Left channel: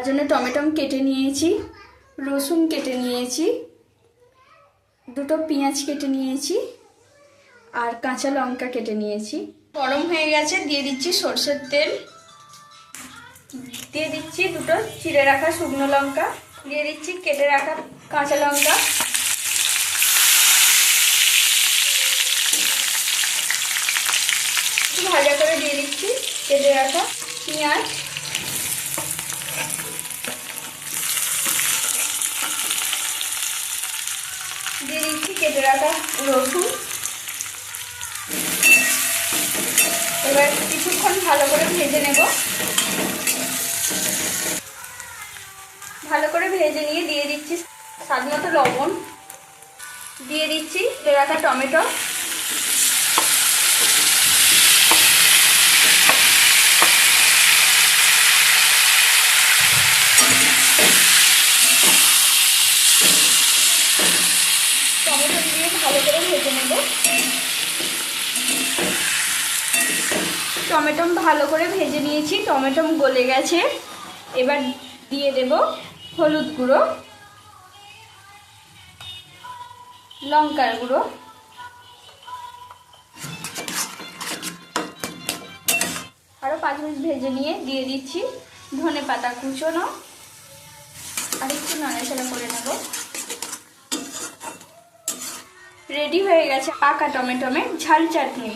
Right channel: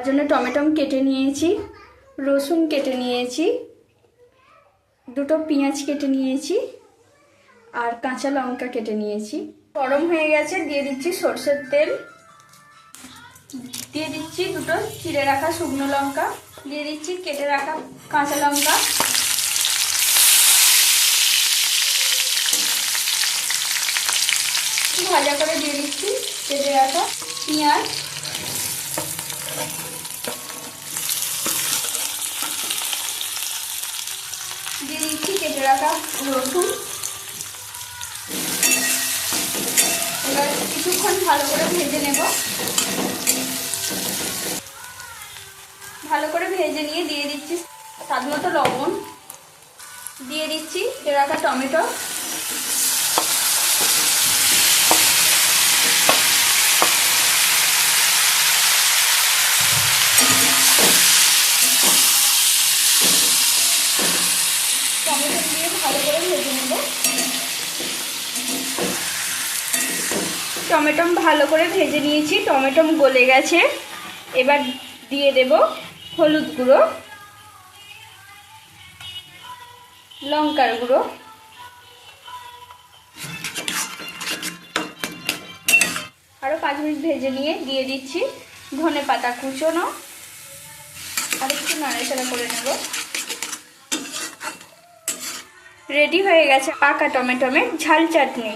তার জন্য টমেটম কেটে নিয়েছি, রসুন কেটে নিয়েছি, দুটো পেঁয়াজ কেটে নিয়েছি আর কাঁচা লঙ্কা কেটে নিয়েছি। গরম হয়ে গেছে, দিয়ে দিচ্ছি সর্ষের তেল। দিয়ে দিচ্ছি দুটো চিড়ে রাখা শুকনো লঙ্কা, দিয়ে দিচ্ছি কেটে রাখা কাঁচা লঙ্কা। ভাজা করে দিয়ে দিচ্ছি কেটে রাখা পেঁয়াজ। দিয়ে দিচ্ছি, কেটে রাখা রসুন। এবার কিছুক্ষণ ভালো করে ভেজে নেব। ভালো করে ভেজে নিয়ে দিয়ে দিচ্ছি স্বাদ মতো লবণ। দিয়ে দিচ্ছি রাখা টমেটো টমেটো দিয়ে ভালো করে ভেজে নেব। টমেটো ভালো করে ভেজে নিয়েছি, টমেটো গলে গেছে। এবার দিয়ে দেব হলুদ গুঁড়ো, লঙ্কার গুঁড়ো। আরও পাঁচ মিনিট ভেজে নিয়ে দিয়ে দিচ্ছি ধনে পাতা কুচোনো। আর একটু নাড়াচাড়া করে নেব। রেডি হয়ে গেছে পাকা টমেটোমের ঝাল চাটনি